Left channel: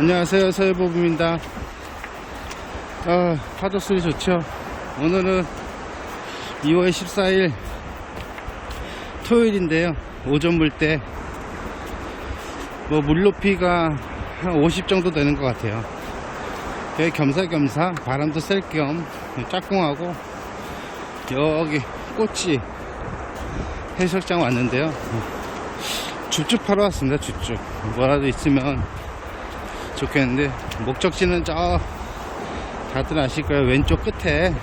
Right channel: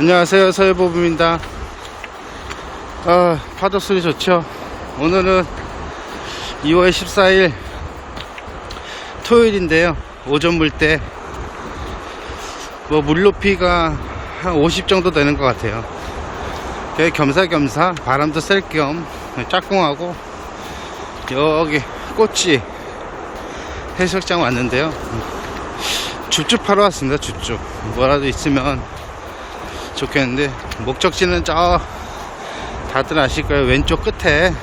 안녕하세요. 서해보부입니다. 아, 파도 소리 좋죠? 오늘은 2월 14일 토요일인데요. 오전 물때 뭐 물높이가 한 50 정도 되는 것 같아요. 겸사겸사 바람도 쐴겸 짝꿍하고 여기 꽃지 해수욕장 왔는데요. 줍줍 하러 왔습니다. 줍줍. 뭐라도 있으면 좋겠는데 목적지는 저 다들 아실 거예요. 왼쪽 끝에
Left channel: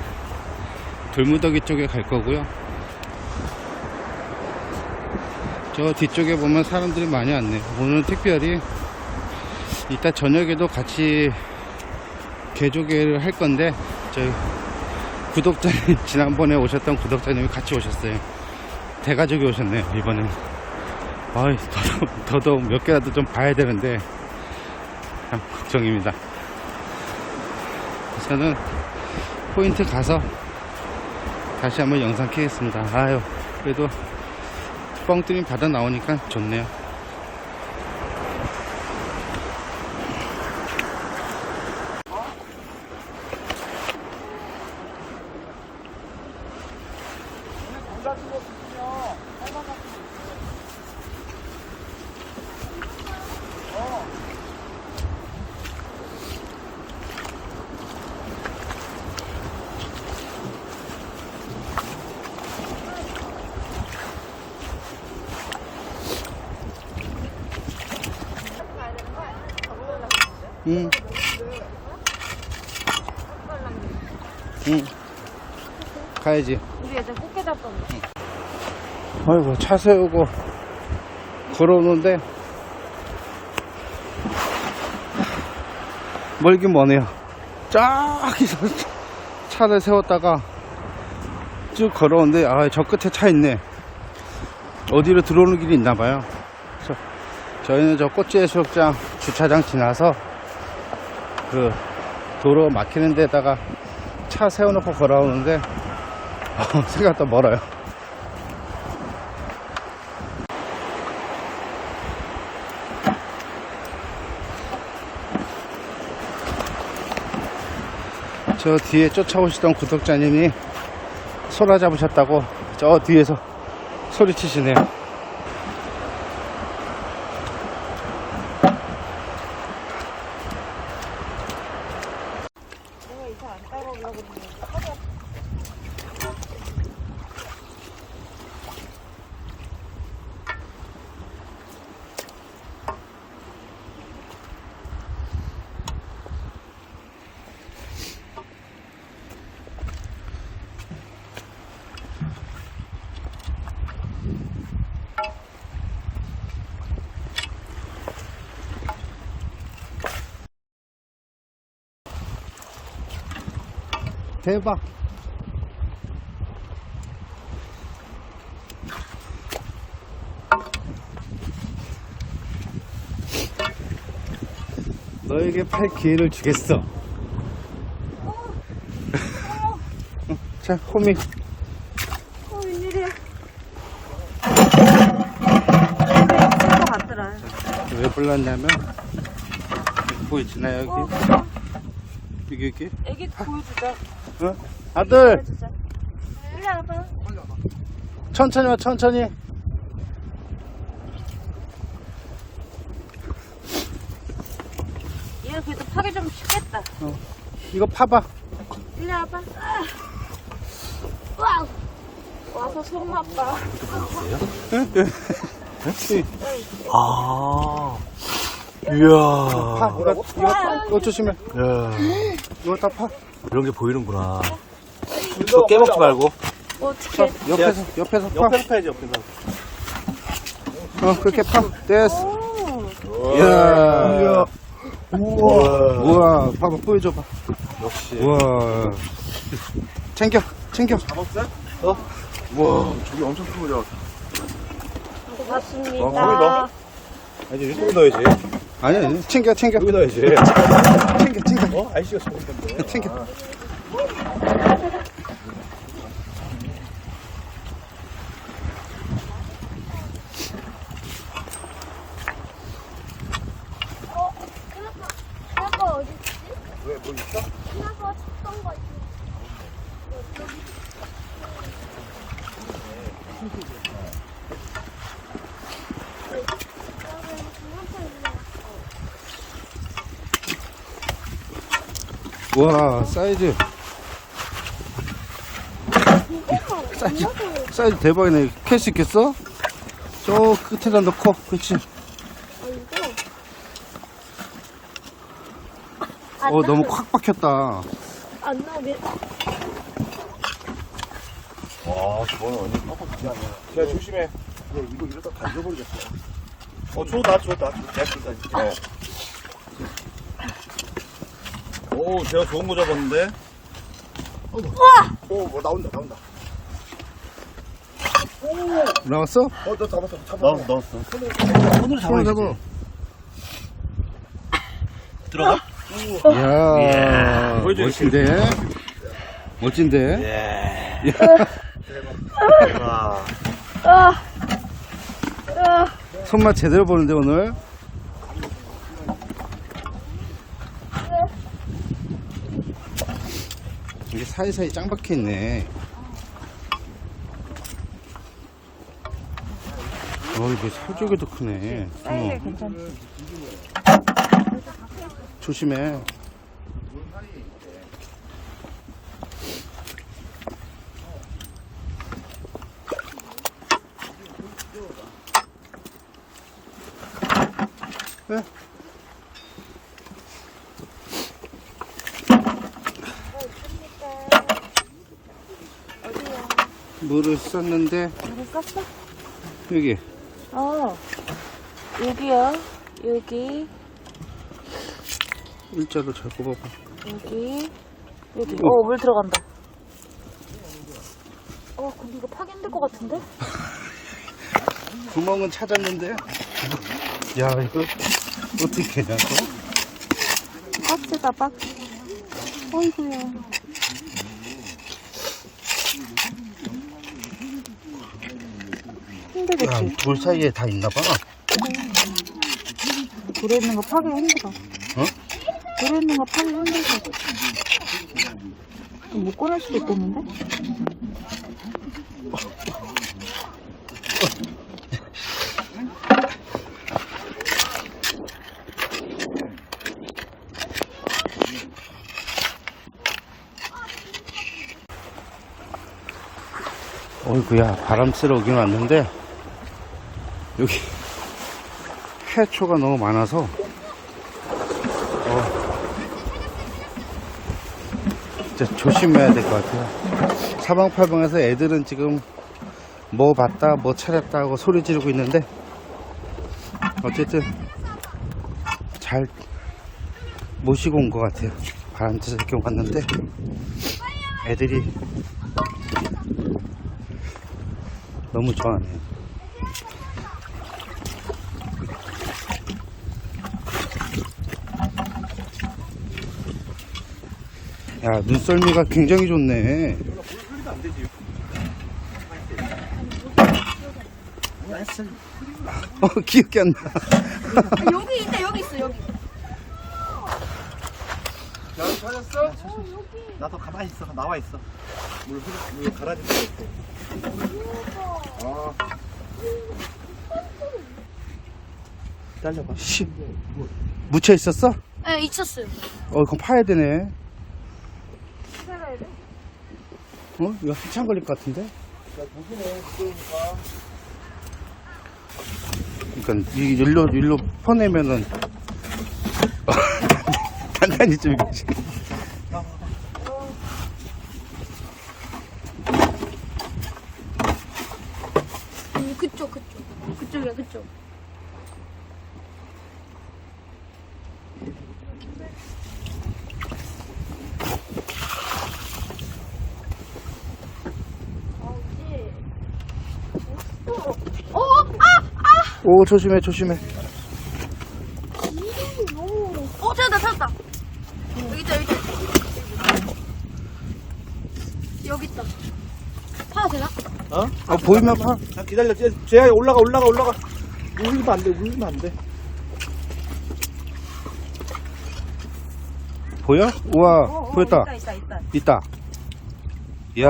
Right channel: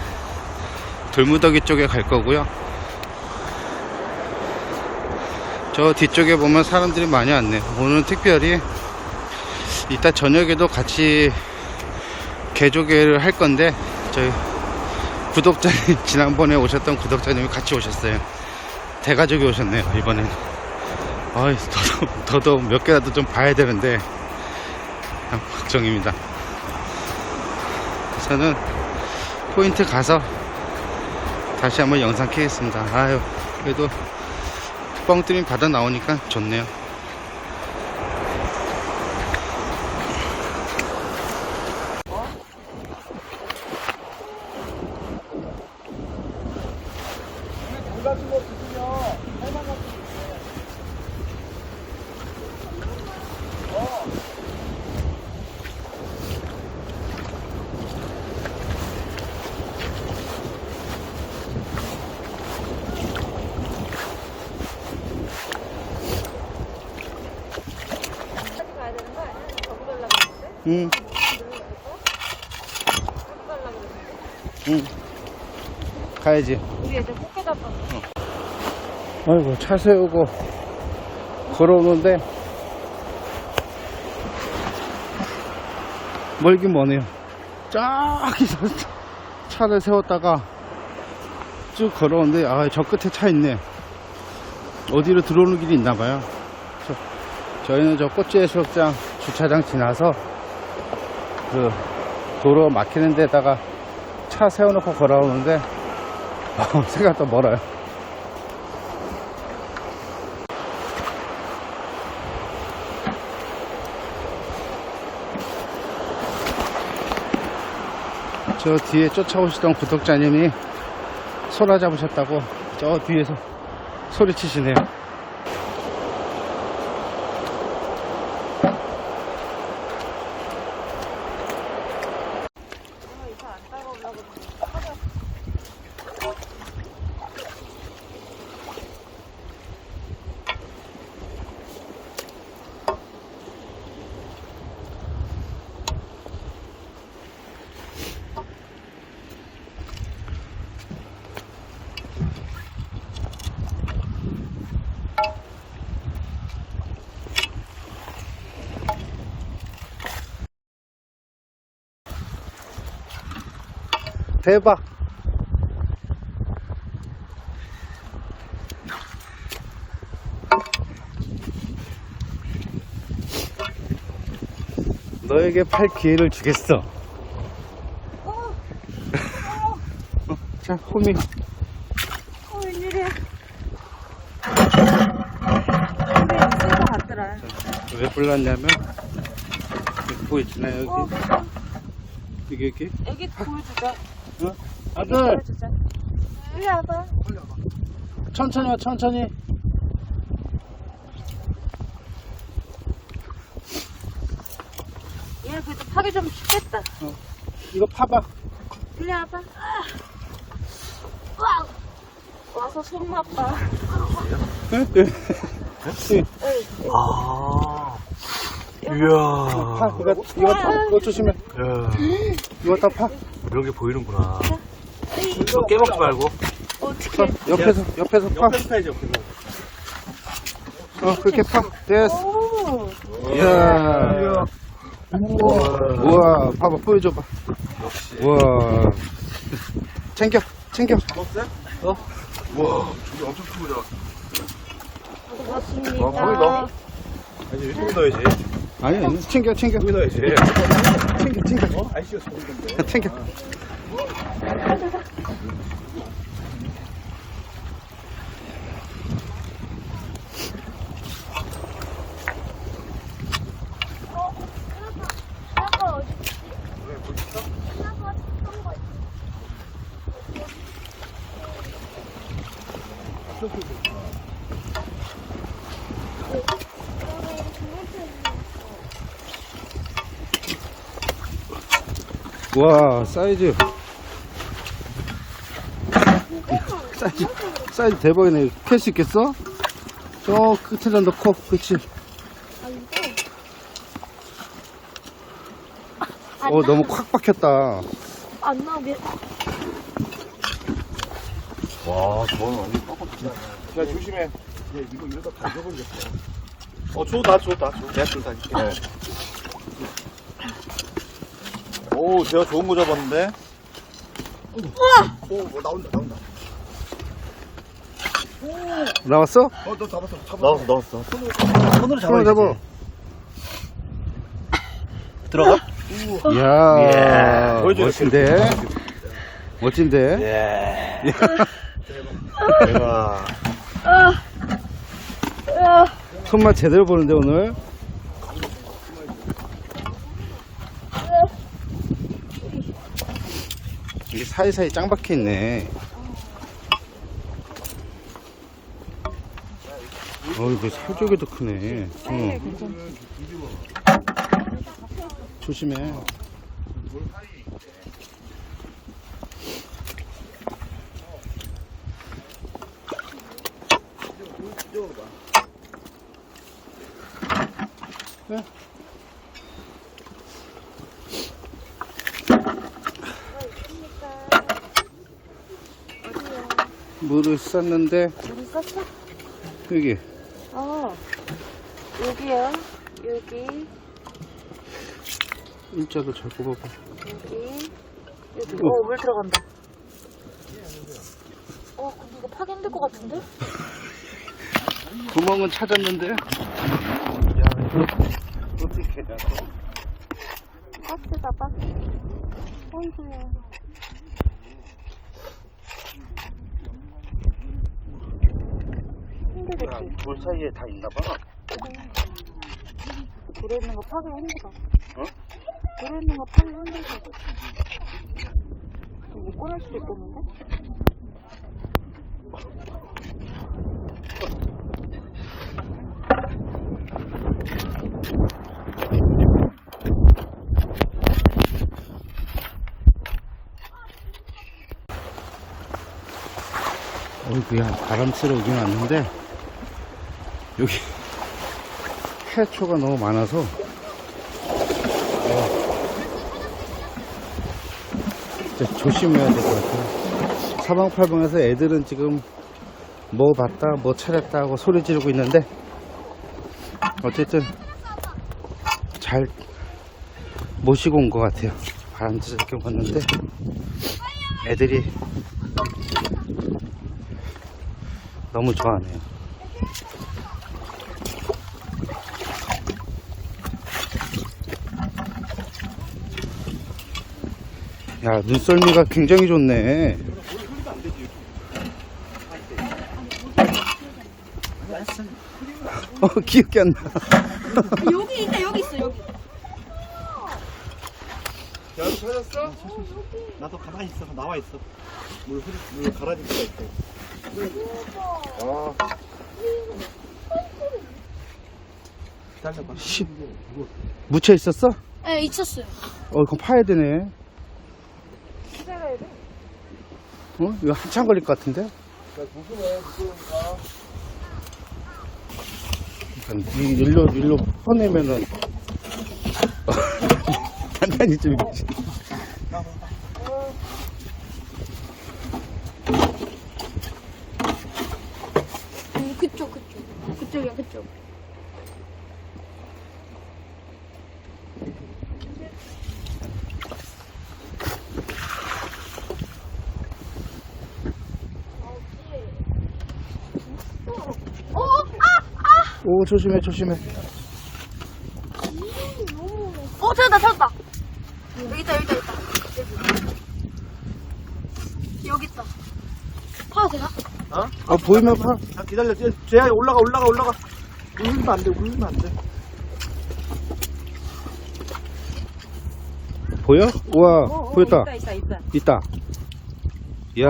돌무더기 쪽에 갈 거고요. 저 뒤쪽에 보면 사람들이 많이 왔네요. 오늘은 특별히 이따 저녁에도 같이 개조개를 할 건데 저희 구독자님 지난번에 오셨던 구독자님이 같이 오셨어요. 대가족이 오셨네요 이번엔. 아이 더더욱 더더욱 몇 개라도 좀 봐야 되는데 참 걱정입니다. 저는 포인트 가서 다시 한번 영상 키겠습니다. 아유, 그래도 뻥 뚫린 바다 나오니까 좋네요. 응. 응. 가야지. 우리 애들 늦게 잡았네. 아이고, 차 세우고 걸어오는데 멀긴 머네요. 저기서 차를 세웠다가 쭉 걸어오는데 아, 저 끝에 차 있네. 어디로 들어오는 길이 있나 봐요. 그래서 저희는 저 꽃지 해수욕장 주차장 지나서 그 도로 막히는 데다가 차 세워놓고 걸어오는데 어, 생각보다 멀어요. 저 뒤에 쫓아오시던 구독자님이 소라 잡으셨다고 저 뒤에서 소리치시네요. 대박. 너에게 팔 기회를 주겠어. 어, 자, 호미. 어, 웬일이야. 근데 있을 것 같더라. 왜 불렀냐면, 여기 보이시나요, 여기? 어, 여기, 여기? 애기 보여주자. 어? 아들! 이리 와봐. 천천히 와, 천천히. 얘 그래도 파기 좀 쉽겠다. 이거 파봐. 이리 와봐. 와. 와서 손 맛봐. 이, 아. 이야. 파, 이거, 이거, 이거 조심해. 야. 이거 다 파. 이런 게 보이는구나. 이거 깨먹지 말고. 어떻게? 파. 옆에서, 옆에서 파. 옆에서 파야지, 옆에서. 어, 그렇게 파. 됐어. 오. 이야. 우와. 우와, 봐봐, 보여줘봐. 역시. 우와. 챙겨, 챙겨. 잡았어요? 어? 우와, 저기 엄청 크게 잡았어. 고맙습니다. 이제 유튜브 넣어야지. 아니, 아니, 챙겨, 챙겨. 여기 넣어야지. 챙겨, 챙겨. 어? 아이씨가. 챙겨. 와 사이즈 사이즈 사이즈 대박이네 캘 수 있겠어? 저 끝에다 넣고 그치 어 너무 콱 박혔다 안 나오게 와, 저거는 완전 뻑뻑해. 야, 조심해. 야, 이거 이러다 던져버리겠어. 어, 줘. 내가 쏜다. 네. 오, 제가 좋은 거 잡았는데. 오, 뭐 나온다, 나온다. 나왔어? 어, 너 잡았어, 잡았어. 나왔어, 나왔어. 손으로, 손으로 손을 잡아 들어가? 이야 보여줘. 멋진데 멋진데 예. 야, 대박. 아, 손맛 제대로 보는데 오늘 이게 사이사이 짱 박혀 있네. 어 이거 살쪽에도 크네. 어. 조심해 물을 쌌는데 이거 썼어? 여기. 어 여기야. 여기. 일자로 잘 꼽아봐. 여기. 여기. 오. 어 물 들어간다. 어 근데 이거 파견될 것 같은데? 구멍은 찾았는데? 야 이거 어떻게 해냐 박스다 박스. 어이구야 힘들겠지? 야돌 사이에 다 있나 봐 돌에 있는 거 파기 힘들어 어? 돌에 있는 거 파기 힘들다고 못 꺼낼 수도 있겠는데? 어이구야 바람 쐬러 오긴 왔는데 여기 해초가 너무 많아서 어 진짜 조심해야 될 것 같아요 사방팔방에서 애들은 지금 뭐 봤다 뭐 차렸다 하고 소리 지르고 있는데 어쨌든 잘 모시고 온 것 같아요 바람 쐬게 왔는데 애들이 너무 좋아하네요. 야, 눈썰미가 굉장히 좋네. 어, 기억이 안 나. 여기 있다 여기 있어 여기 여기 찾았어? 나도 가만히 있어, 나와 있어. 물, 흐르, 물 가라질 수가 있대. 아. 기다려봐. 씨. 묻혀 있었어? 네 있었어요 어, 그럼 파야 되네. 어? 이거 한참 걸릴 것 같은데? 그러니까 이 일로 일로 퍼내면은 단단히 좀 이거지. 아니 그쪽 그쪽 그쪽이야 그쪽 오 조심해 조심해. 어 찾았다 찾았다 여기 있다 여기 있다 여기 있다 여기 있다 파도 되나? 어 보이면 파. 자, 기다려. 쟤, 쟤 올라가, 올라가, 올라가. 울리면 안 돼, 울리면 안 돼. 보여? 우와 어, 보였다. 있다 있다 있다 있다. 이야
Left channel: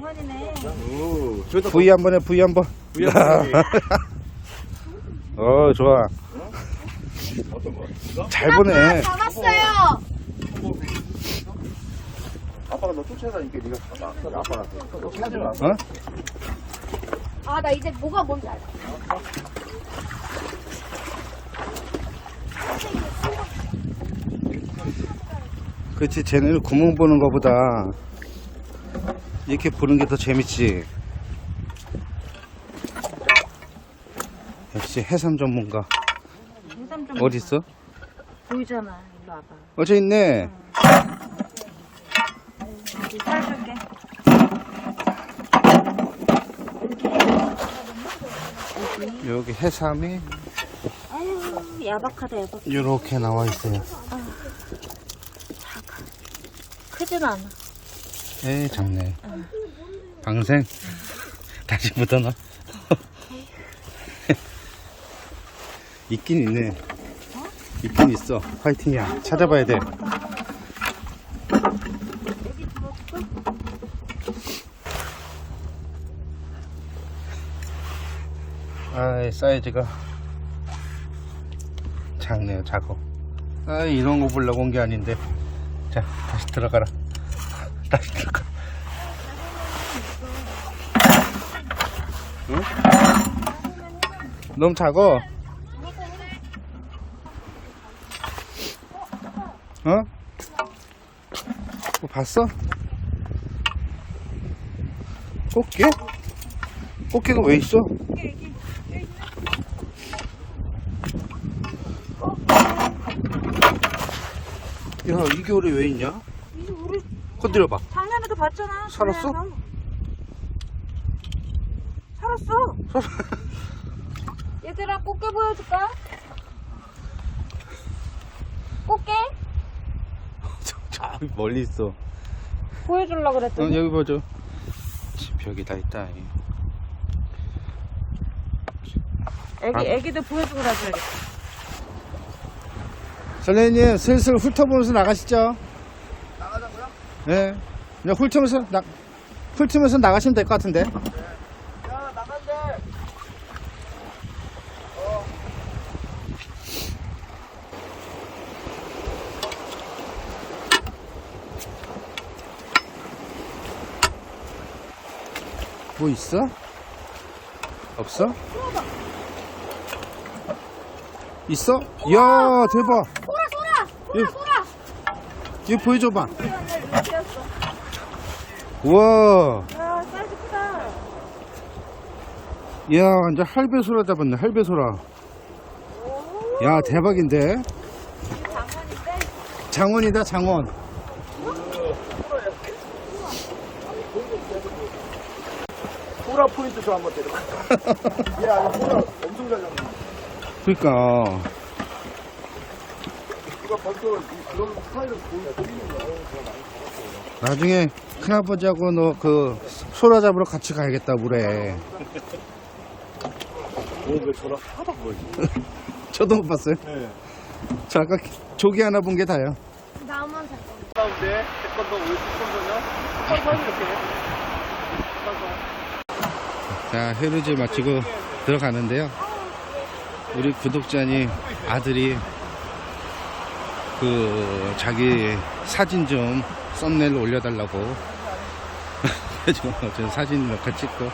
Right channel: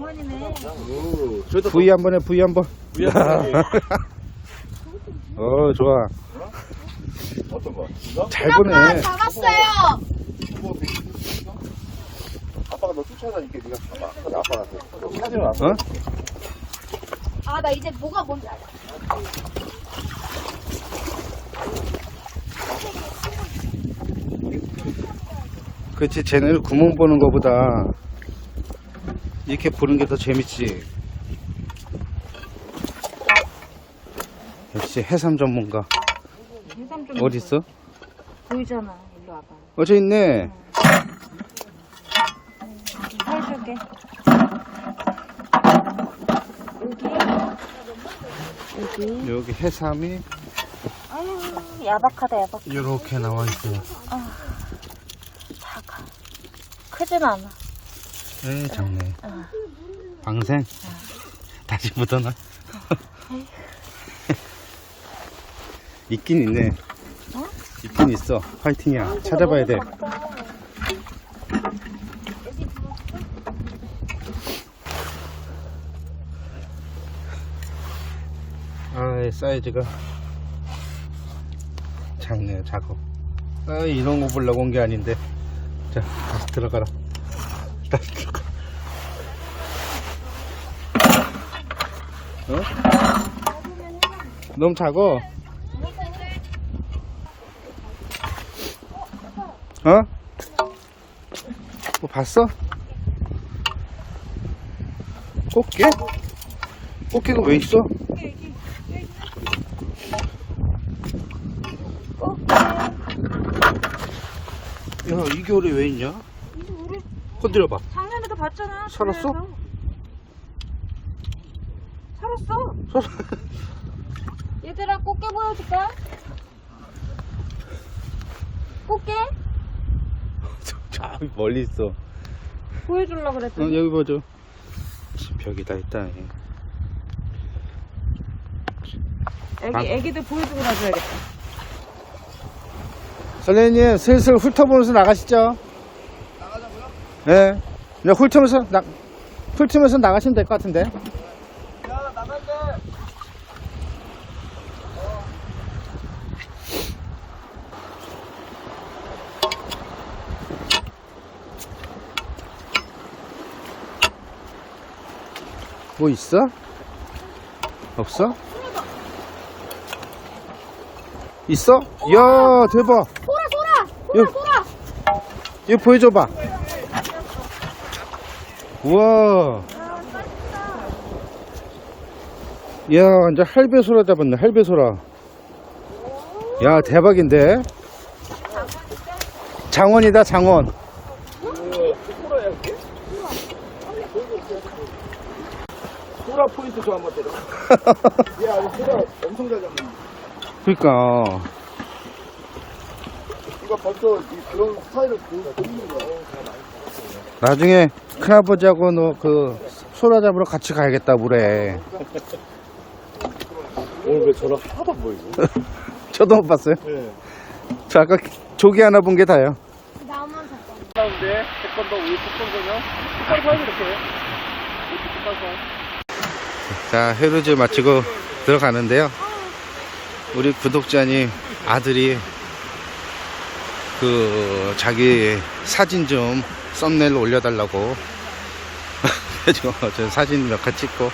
오, V 한번 해 V 한번. 위험하네. 어 좋아. 어떤 거? 이거? 잘 보네. 잡았어요. 아빠가 너 쫓아다니까 네가 가. 아빠가. 어? 아, 나 이제 뭐가 뭔지 알아. 그렇지 쟤네는 구멍 보는 거보다 이렇게 보는 게 더 재밌지 역시 해삼 전문가 해삼 좀 어디 있어? 보이잖아. 일로 와봐. 어저 있네 살 줄게. 여기 여기 여기 해삼이 아유 야박하다 야박. 이렇게 나와 있어요 크진 않아. 에 작네 방생? 다시 묻어놔? 있긴 있네. 있긴 있어. 화이팅이야. 찾아봐야 돼. 아이 사이즈가 작네요 작어 아 이런 거 보려고 온 게 아닌데. 자 다시 들어가라 다시 들어가 어? 너무 작어 어? 뭐 봤어? 꽃게? 꽃게가 왜 있어? 야, 이 겨울에 왜 있냐? 건드려봐. 작년에도 봤잖아. 살았어? 살았어. 얘들아, 꽃게 보여줄까? 꽃게? 저, 저 멀리 있어. 보여주려고 어, 그랬더니. 여기 보죠. 지, 벽이 다 있다. 이. 애기 아. 애기들 보여주고 나줘야겠다. 선생님, 슬슬 훑어보면서 나가시죠. 예. 그냥 훑으면서, 나, 훑으면서 나가시면 될 것 같은데. 뭐 있어? 없어? 있어? 이야, 대박. 소라, 소라! 이거, 소라! 이거 보여줘봐. 우와. 이야, 완전 할배소라 잡았네, 할배소라. 야, 대박인데? 장원이다, 장원. 소라 포인트 저 한번 때려. 야, 소라 엄청 잘 잡는. 그니까. 이거 벌써 이- 그런 스타일을 보- 보이는 거야. 나중에 큰아버지하고 너 그 소라 잡으러 같이 가야겠다, 물에. 오늘 왜 저런 하나도 안 보이지? 저도 못 봤어요. 네. 저 아까 조개 하나 본 게 다요. 나만 잡아. 가운데 조금 더 우측 정도면 자, 해루질 마치고 들어가는데요. 우리 구독자님 아들이 그 자기 사진 좀 썸네일로 올려달라고 저 사진 몇컷 찍고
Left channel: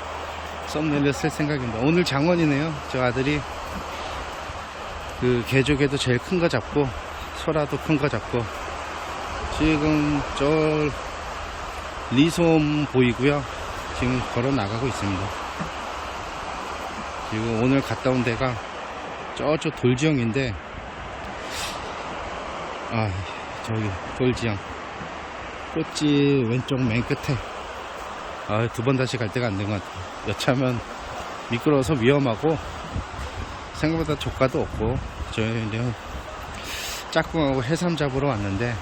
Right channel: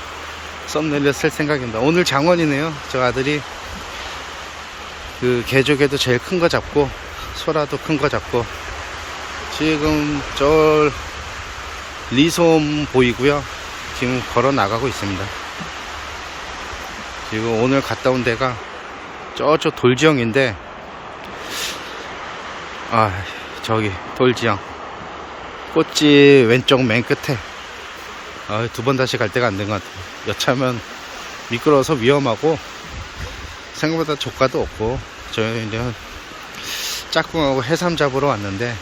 썸네일로 쓸 생각입니다. 오늘 장원이네요. 저 아들이 그 개조개도 제일 큰 거 잡고 소라도 큰 거 잡고 지금 저 리솜 보이고요. 지금 걸어 나가고 있습니다. 지금 오늘 갔다 온 데가 저쪽 돌지형인데 아 저기 돌지형 꽃지 왼쪽 맨 끝에. 아, 두 번 다시 갈 데가 안 된 것 같아요. 여차하면 미끄러워서 위험하고 생각보다 조가도 없고 저희 이제 짝꿍하고 해삼 잡으러 왔는데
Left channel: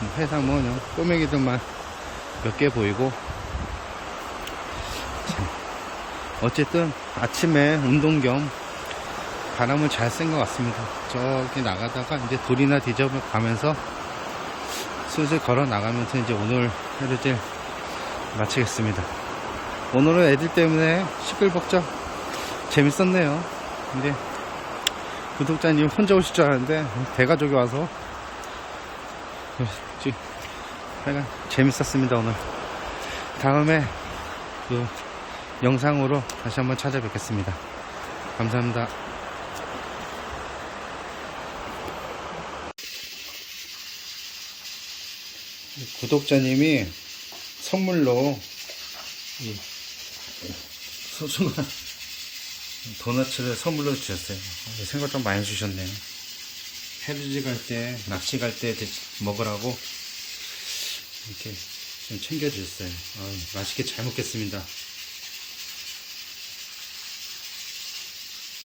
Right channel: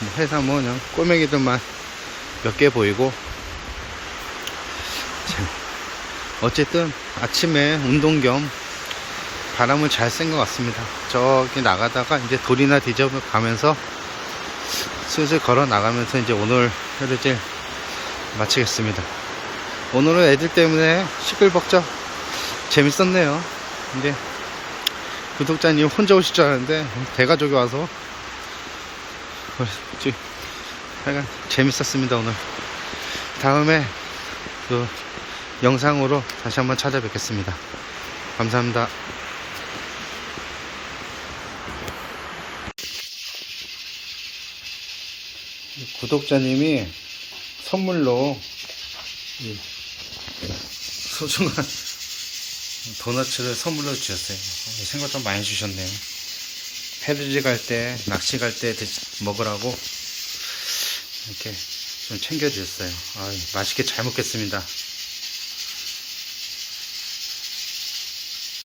뭐 해삼은 그냥 꼬맹이들만 몇 개 보이고. 어쨌든 아침에 운동 겸 바람을 잘 쐰 것 같습니다. 저기 나가다가 이제 돌이나 뒤져서 가면서 슬슬 걸어 나가면서 이제 오늘 헤르질 마치겠습니다. 오늘은 애들 때문에 시끌벅적 재밌었네요. 근데 구독자님 혼자 오실 줄 알았는데 대가족이 와서 하여간 재밌었습니다 오늘. 다음에 그 영상으로 다시 한번 찾아뵙겠습니다. 감사합니다 구독자님이 선물로 이 소중한 도너츠를 선물로 주셨어요. 어, 생각 좀 많이 주셨네요. 해돋이 갈 때, 낚시 갈 때 먹으라고 이렇게 좀 챙겨주셨어요. 아, 맛있게 잘 먹겠습니다.